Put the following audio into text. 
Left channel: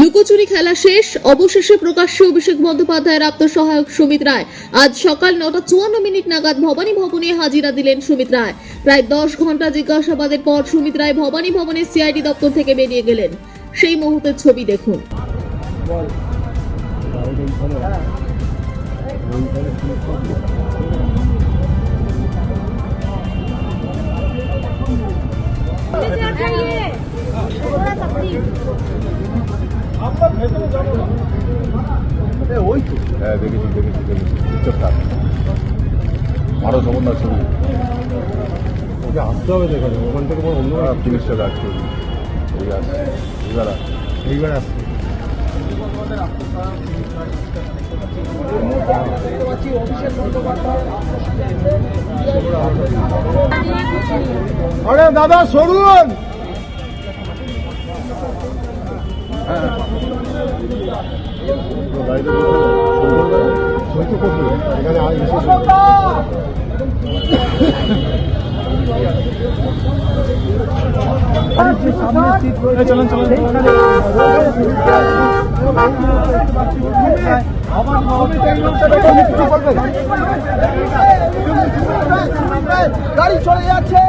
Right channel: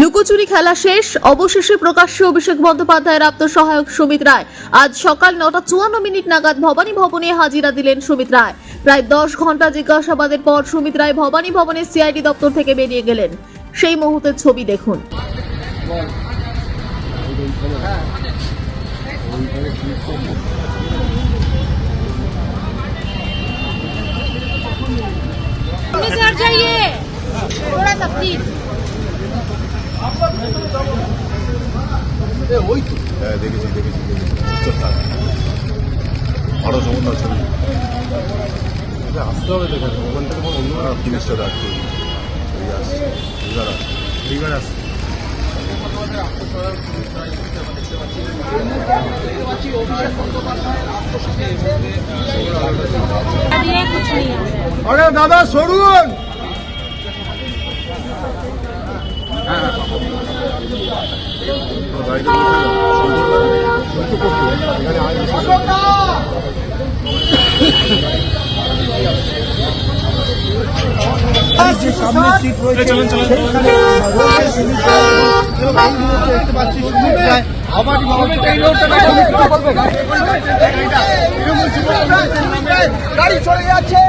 লুকোচুরি খেলা শেষ, অবশেষে প্রকাশ্যে অভিষেক বন্দ্যোপাধ্যায়ের আত্মসহায়ক সুমিত রায়। আজ সকাল 9:54 নাগাদ ভবানী ভবনে হাজিরা দিলেন সুমিত রায়। প্রায় 10 ঘন্টা জিজ্ঞাসাবাদের পর সুমিত রায় ভবানী ভবনের সিআইডি দপ্তর থেকে বেরিয়ে গেলেন। সেই মুহূর্তের ছবি দেখুন। হ্যাঁ দেখেছি চুপচাপ থাক, আরো সমন্বয় ছবি আসতে হবে। দেখেন ওখান থেকে পুলিশটা রাজ করি আসছে, এইবার আসছে। আরে দাদা সরুন। হ্যাঁ গাড়িতে চলুন গাড়ি চলে যাচ্ছে।